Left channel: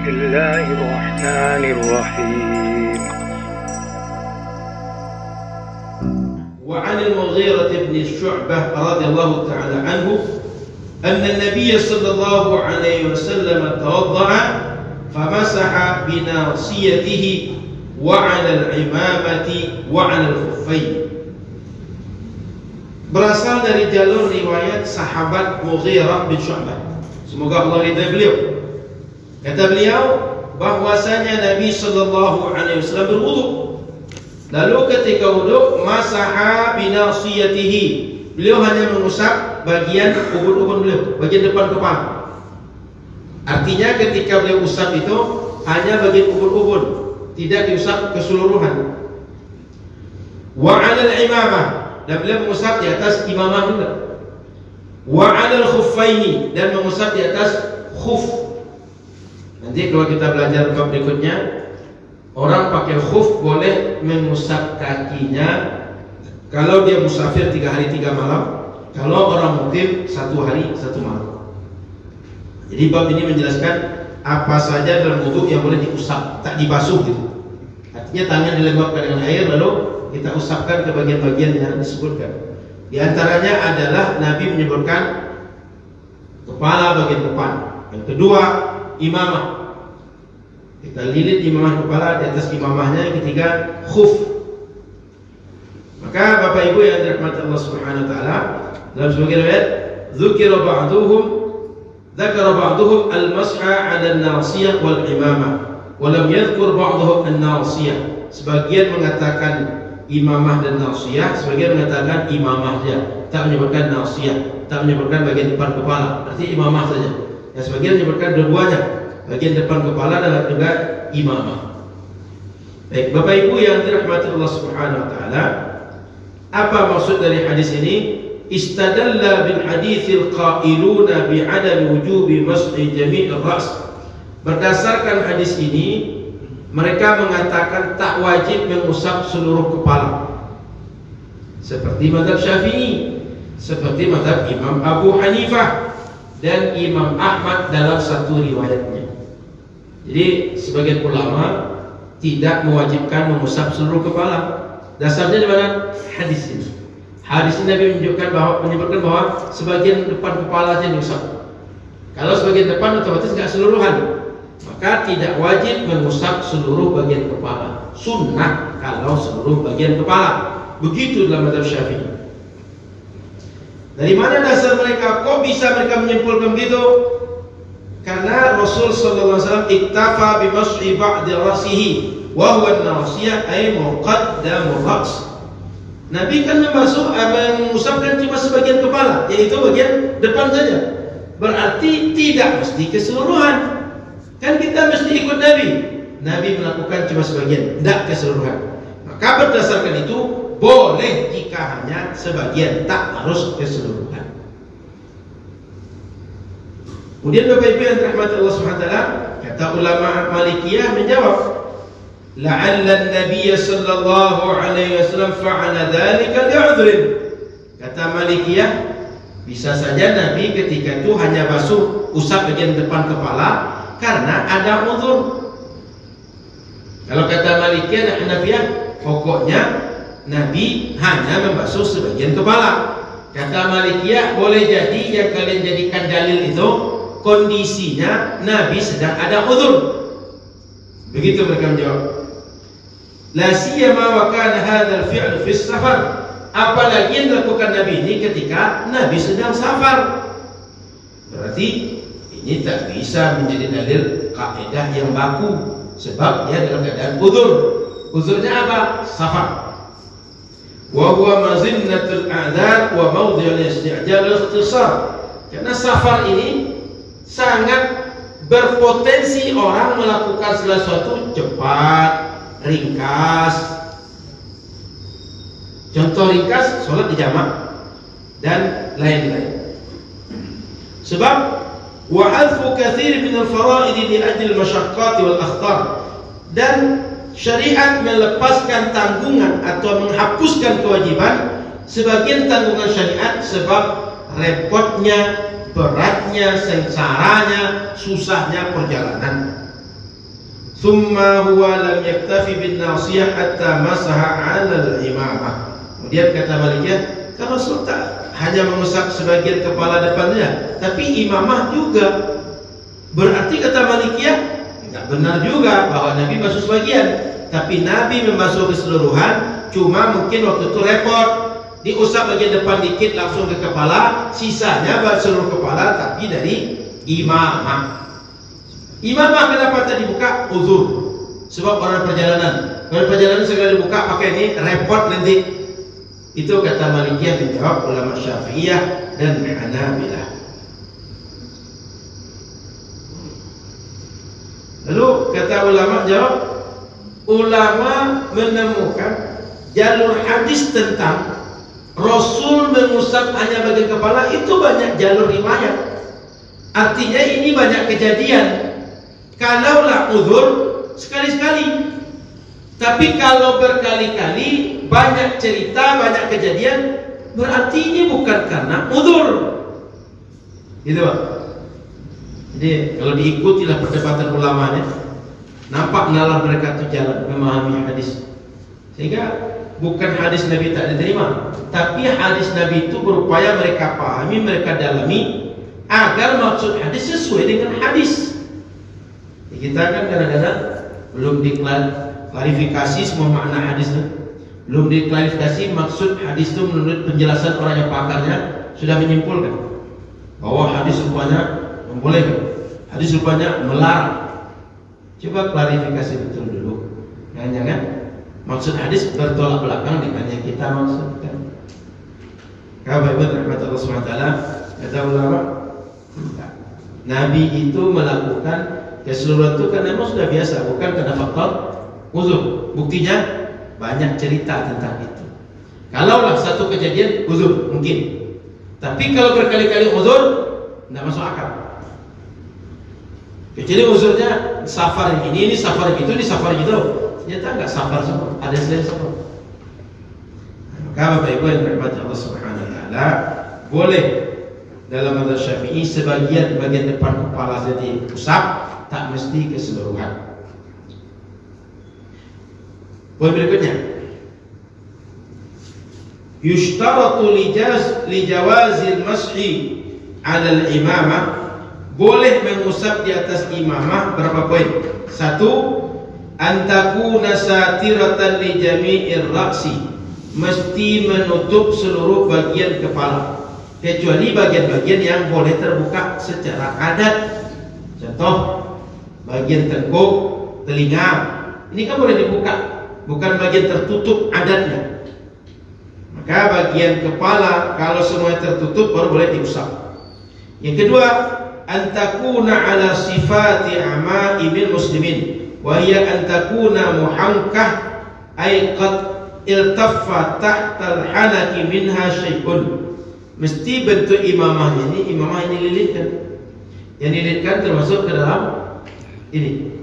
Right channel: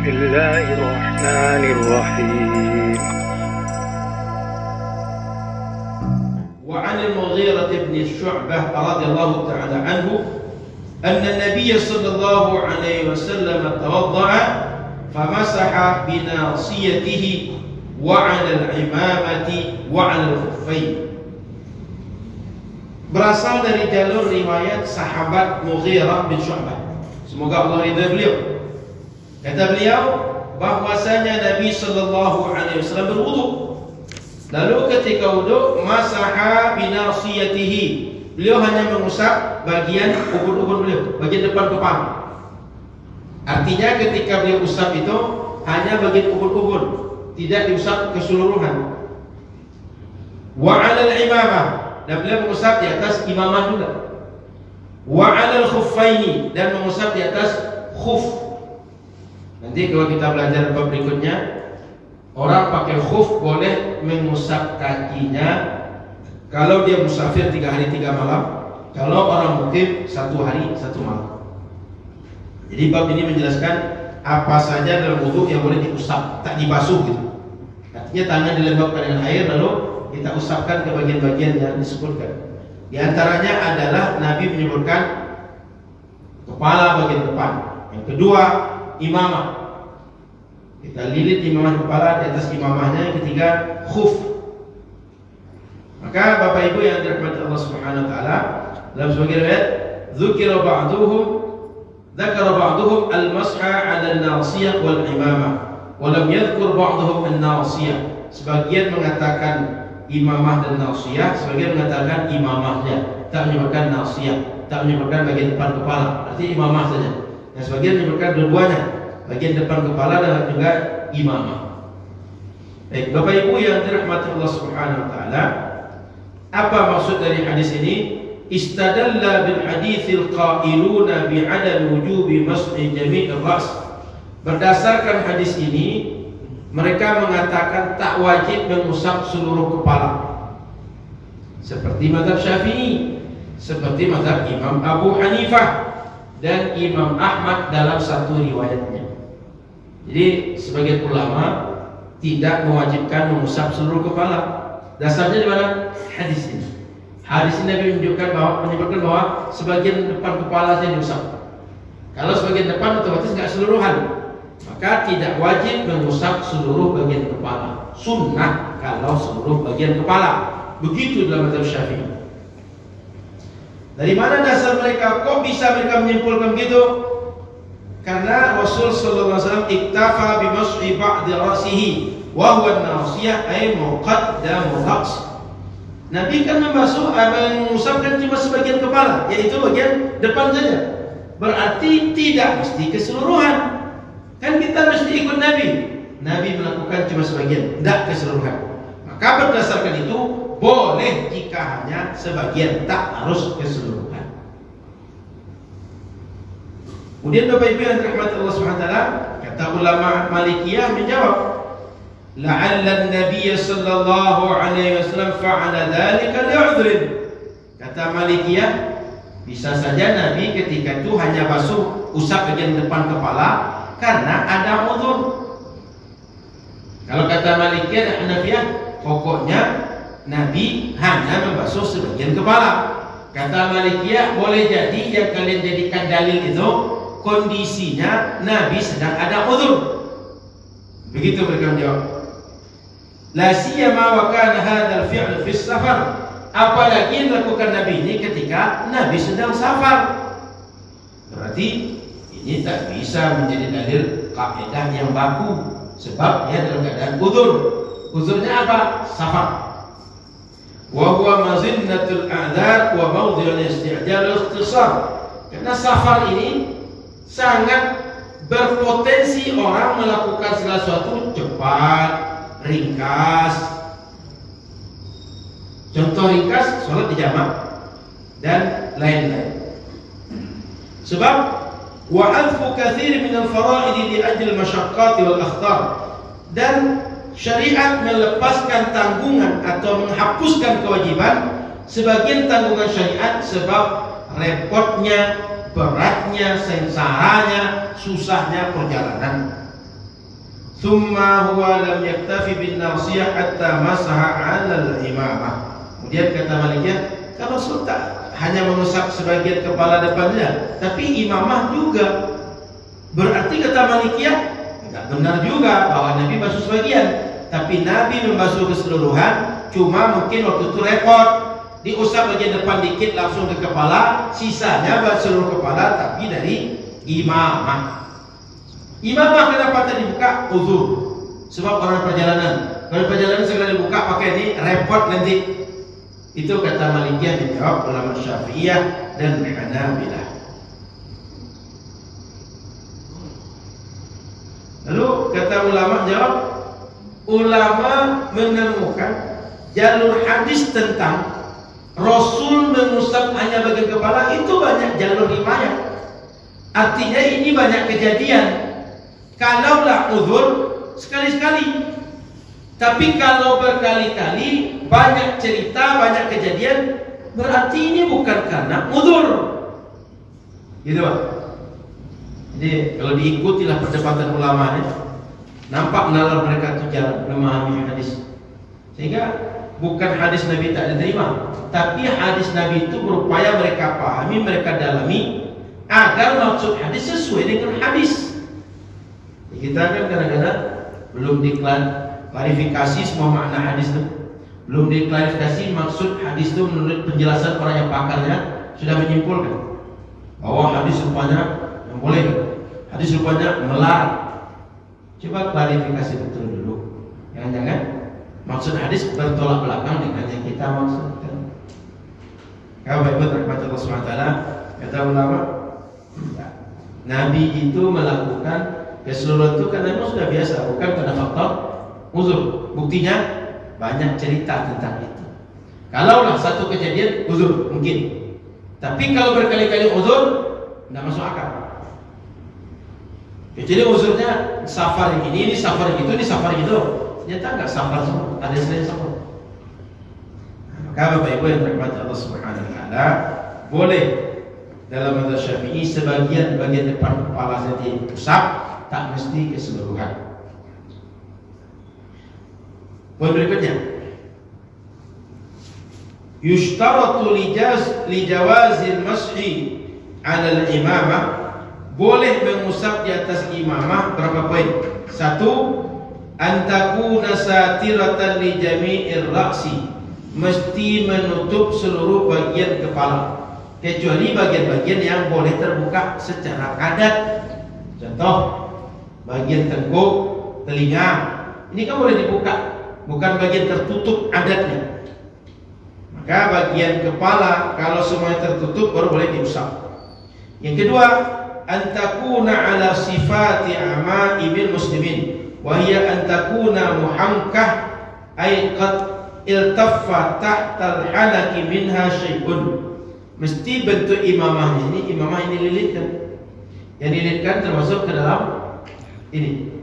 بسم الله الرحمن الرحيم. وعن المغيرة بن شعبة رضي الله تعالى عنه أن النبي صلى الله عليه وسلم توضأ فمسح بناصيته وعلى العمامة وعلى الخفين. Berasal dari jalur riwayat sahabat Mughirah bin Syu'bah, semoga Allah ridha beliau. Kata beliau bahwasanya Nabi sallallahu alaihi wasallam berwudu. Lalu ketika wudu, masaha binasiyatihi. Beliau hanya mengusap bagian ubun-ubun beliau, bagian depan kepala. Artinya ketika beliau usap itu hanya bagian ubun-ubun, tidak diusap keseluruhan. Wa 'alal imamah, dan beliau mengusap di atas imamah juga. Wa 'alal khuffaini, dan mengusap di atas khuf. Nanti kalau kita belajar bab berikutnya, orang pakai khuf boleh mengusap kakinya kalau dia musafir 3 hari 3 malam, kalau orang mukim 1 hari 1 malam. Jadi bab ini menjelaskan apa saja dalam wudu yang boleh diusap, tak dibasuh gitu. Artinya tangan dilembabkan dengan air lalu kita usapkan ke bagian-bagian yang disebutkan. Di antaranya adalah Nabi menyebutkan kepala bagian depan. Yang kedua, imamah. Kita lilit imamah kepala, di atas imamahnya. Yang ketiga, khuf. Maka Bapak Ibu yang dirahmati Allah Subhanahu wa taala, dalam sebagian riwayat dzukira ba'duhum al-mas'a 'ala an-nasiyah wal imamah wa lam yadhkur ba'duhum an-nasiyah. Sebagian mengatakan imamah dan nasiyah, sebagian mengatakan imamahnya, tak menyebutkan nasiyah, tak menyebutkan bagian depan kepala, artinya imamah saja. Yang sebagian menyebutkan dua-duanya, bagian depan kepala dan juga imamah. Baik, Bapak Ibu yang dirahmati Allah Subhanahu wa taala, apa maksud dari hadis ini? Istadalla bil haditsil qailuna bi 'adami wujubi mas'i jami'ir ra's. Berdasarkan hadis ini, mereka mengatakan tak wajib mengusap seluruh kepala, seperti mazhab Syafi'i, seperti mazhab Imam Abu Hanifah dan Imam Ahmad dalam satu riwayatnya. Jadi sebagian ulama tidak mewajibkan mengusap seluruh kepala. Dasarnya di mana? Hadis ini. Hadis ini Nabi menyebutkan bahwa sebagian depan kepala saja diusap. Kalau sebagian depan otomatis nggak seluruhan, maka tidak wajib mengusap seluruh bagian kepala. Sunnah kalau seluruh bagian kepala. Begitu dalam mazhab Syafi'i. Dari mana dasar mereka? Kok bisa mereka menyimpulkan begitu? Karena Rasul sallallahu alaihi wasallam iktafa bi mas'i ba'di ra'sihi wa huwa an-nasiyah ay muqaddamur ra's. Nabi kan mengusapkan cuma sebagian kepala, yaitu bagian depan saja. Berarti tidak mesti keseluruhan. Kan kita mesti ikut Nabi. Nabi melakukan cuma sebagian, tidak keseluruhan. Maka berdasarkan itu boleh jika hanya sebagian, tak harus keseluruhan. Kemudian Bapak Ibu yang dirahmati Allah Subhanahu wa taala, kata ulama Malikiyah menjawab, la'alla an-nabiy sallallahu alaihi wasallam fa'ala dzalika li'udhrin. Kata Malikiyah, bisa saja Nabi ketika itu hanya basuh usap bagian depan kepala karena ada uzur. Kalau kata Malikiyah dan Hanafiyah, pokoknya Nabi hanya membasuh sebagian kepala. Kata Malikiyah, boleh jadi yang kalian jadikan dalil itu kondisinya Nabi sedang ada uzur. Begitu mereka menjawab. La siyama wa kana hadzal fi'l fi safar. Apalagi yang dilakukan Nabi ini ketika Nabi sedang safar. Berarti ini tak bisa menjadi dalil kaidah yang baku, sebab dia dalam keadaan uzur. Uzurnya apa? Safar. Wa huwa mazinnatul a'dzar wa mawdhi'ul isti'jal ikhtisar. Karena safar ini sangat berpotensi orang melakukan segala sesuatu cepat, ringkas. Contoh ringkas, sholat di jamak dan lain-lain. Sebab wa'adfu kathir min al-fara'id li ajli al-masyaqqat wal akhtar, dan syariat melepaskan tanggungan atau menghapuskan kewajiban sebagian tanggungan syariat sebab repotnya, beratnya, sengsaranya, susahnya perjalanan. thumma huwa lam yaktafi bin nasiyah hatta masaha 'ala al-imamah. Kemudian kata Malikiyah, kalau Rasul tak hanya mengusap sebagian kepala depannya, tapi imamah juga. Berarti kata Malikiyah, enggak benar juga bahwa Nabi basuh sebagian, tapi Nabi membasuh keseluruhan. Cuma mungkin waktu itu repot, diusap bagian depan dikit langsung ke kepala, sisanya buat seluruh kepala tapi dari imamah. Imamah kenapa tadi dibuka? Uzur. Sebab orang perjalanan segala dibuka pakai ini repot nanti. Itu kata Malikiyah, dijawab ulama Syafi'iyah dan Hanabilah. Lalu kata ulama jawab, ulama menemukan jalur hadis tentang Rasul mengusap hanya bagian kepala itu banyak jalur riwayat. Artinya ini banyak kejadian. Kalaulah uzur sekali-sekali, tapi kalau berkali-kali banyak cerita, banyak kejadian, berarti ini bukan karena uzur. Gitu Pak. Jadi kalau diikutilah perdebatan ulama ini, nampak nalar mereka itu jalan memahami hadis. Sehingga bukan hadis Nabi tak diterima, tapi hadis Nabi itu berupaya mereka pahami, mereka dalami agar maksud hadis sesuai dengan hadis. Kita kan kadang-kadang belum diklarifikasi semua makna hadis itu, belum diklarifikasi maksud hadis itu menurut penjelasan orang yang pakarnya sudah menyimpulkan bahwa hadis rupanya membolehkan, hadis rupanya melarang. Coba klarifikasi betul dulu, jangan-jangan maksud hadis bertolak belakang dengan yang kita maksudkan. Kabar rahmat Allah SWT, kata ulama, Nabi itu melakukan keseluruhan itu karena memang sudah biasa, bukan karena faktor uzur. Buktinya banyak cerita tentang itu. Kalaulah satu kejadian uzur mungkin, tapi kalau berkali-kali uzur tidak masuk akal. Kecuali uzurnya safar yang ini safar yang itu, ini safar yang itu. Ternyata enggak safar semua, ada selain safar. Maka Bapak Ibu yang dirahmati Allah Subhanahu wa taala, boleh dalam mazhab Syafi'i sebagian bagian depan kepala jadi usap, tak mesti keseluruhan. Poin berikutnya, yushtaratu lijawazil mashi 'ala al-imamah, boleh mengusap di atas imamah. Berapa poin? Satu, antakuna satiratan li jami'ir ra'si, mesti menutup seluruh bagian kepala kecuali bagian-bagian yang boleh terbuka secara adat. Contoh, bagian tengkuk, telinga, ini kan boleh dibuka, bukan bagian tertutup adatnya. Maka bagian kepala kalau semuanya tertutup baru boleh diusap. Yang kedua, antakuna ala sifati ama'imil muslimin, wahia antakuna muhamkah ay qad iltaffa tahtal halaki minha syai'un. Mesti bentuk imamahnya ini, imamah ini lilitkan. Yang dililitkan termasuk ke dalam ini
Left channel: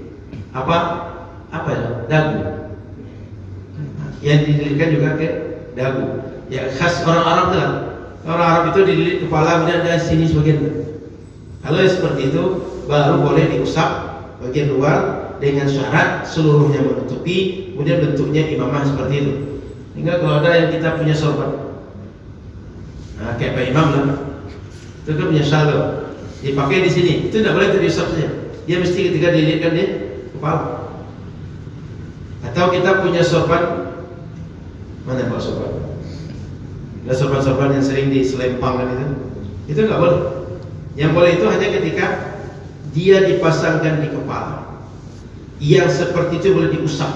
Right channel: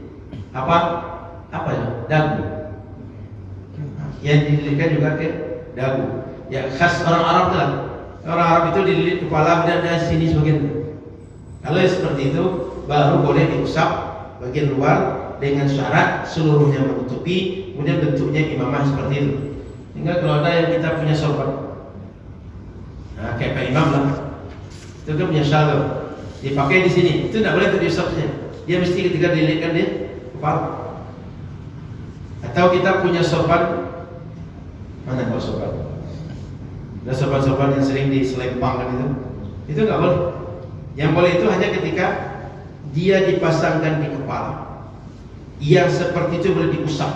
apa ya? Dagu. Yang dililitkan juga ke dagu. Ya khas orang Arab lah. Orang Arab itu dililit kepala kemudian dari sini sebagian. Kalau seperti itu baru boleh diusap bagian luar dengan syarat seluruhnya menutupi, kemudian bentuknya imamah seperti itu. Sehingga kalau ada yang kita punya sorban, nah kayak Pak Imam lah, itu kan punya syalwar, dipakai di sini, itu tidak boleh diusapnya. Dia mesti ketika dililitkan di kepala. Atau kita punya sorban, mana kalau sorban? Ada sorban-sorban yang sering diselempangkan itu nggak boleh. Yang boleh itu hanya ketika dia dipasangkan di kepala. Yang seperti itu boleh diusap.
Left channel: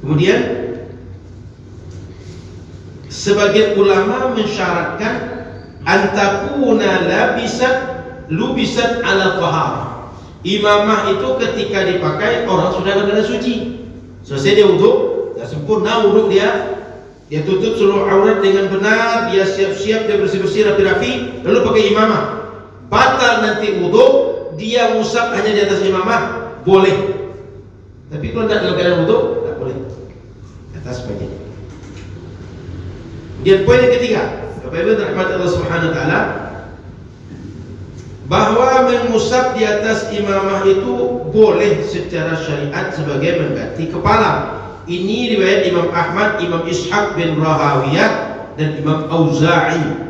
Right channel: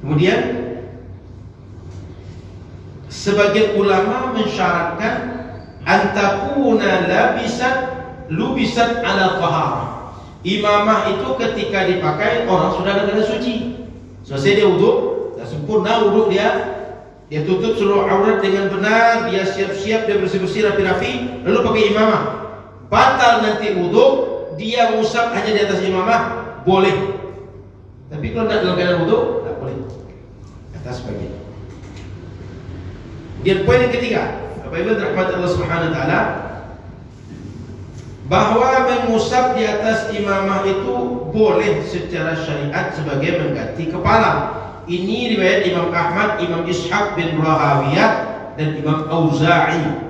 Kemudian sebagian ulama mensyaratkan antakuna lubisat ala taharah. Imamah itu ketika dipakai orang sudah dalam suci. Selesai dia wudhu, sudah sempurna wudhu dia tutup seluruh aurat dengan benar, dia siap-siap, dia bersih-bersih rapi-rapi, lalu pakai imamah. Batal nanti wudhu, dia ngusap hanya di atas imamah, boleh. Tapi kalau tidak dalam keadaan wudhu, tidak boleh. Atas bagian. Kemudian poin yang ketiga, Bapak Ibu rahmat Allah Subhanahu wa taala, bahwa mengusap di atas imamah itu boleh secara syariat sebagai mengganti kepala. Ini riwayat Imam Ahmad, Imam Ishaq bin Rahawiyah dan Imam Auza'i.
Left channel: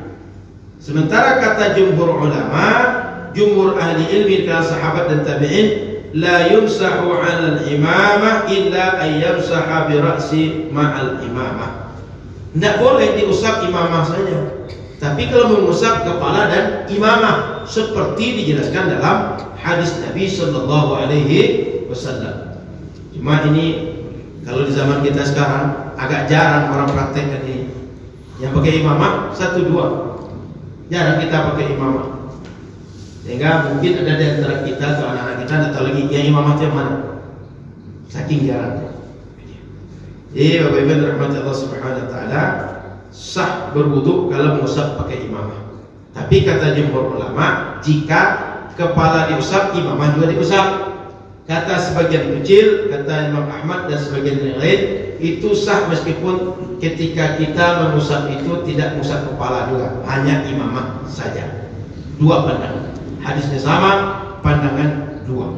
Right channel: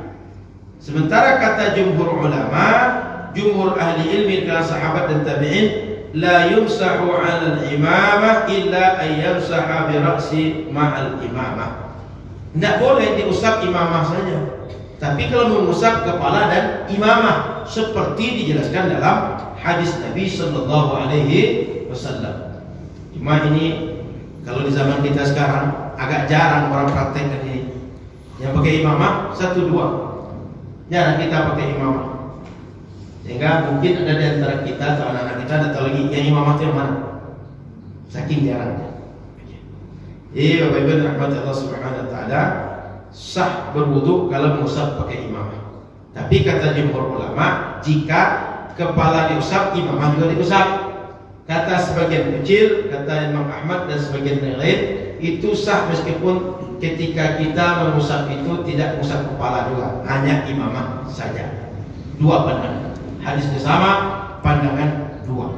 Sementara kata jumhur ulama, jumhur ahli ilmi dan sahabat dan tabi'in, la yumsahu 'ala al-imamah illa an yamsaha bi ra'si ma'al imamah. Tidak boleh diusap imamah saja, tapi kalau mengusap kepala dan imamah seperti dijelaskan dalam hadis Nabi sallallahu alaihi wasallam. Cuma ini kalau di zaman kita sekarang agak jarang orang praktekkan ini. Yang pakai imamah 1-2. Jarang kita pakai imamah. Sehingga mungkin ada di antara kita atau anak-anak kita tidak tahu lagi yang imamah itu yang mana. Saking jarangnya. Jadi Bapak Ibu rahmat Allah Subhanahu wa taala, sah berwudu kalau mengusap pakai imamah. Tapi kata jumhur ulama, jika kepala diusap, imamah juga diusap. Kata sebagian kecil, kata Imam Ahmad dan sebagian yang lain, itu sah meskipun ketika kita mengusap itu tidak mengusap kepala juga, hanya imamah saja. Dua pandangan. Hadisnya sama, pandangan dua.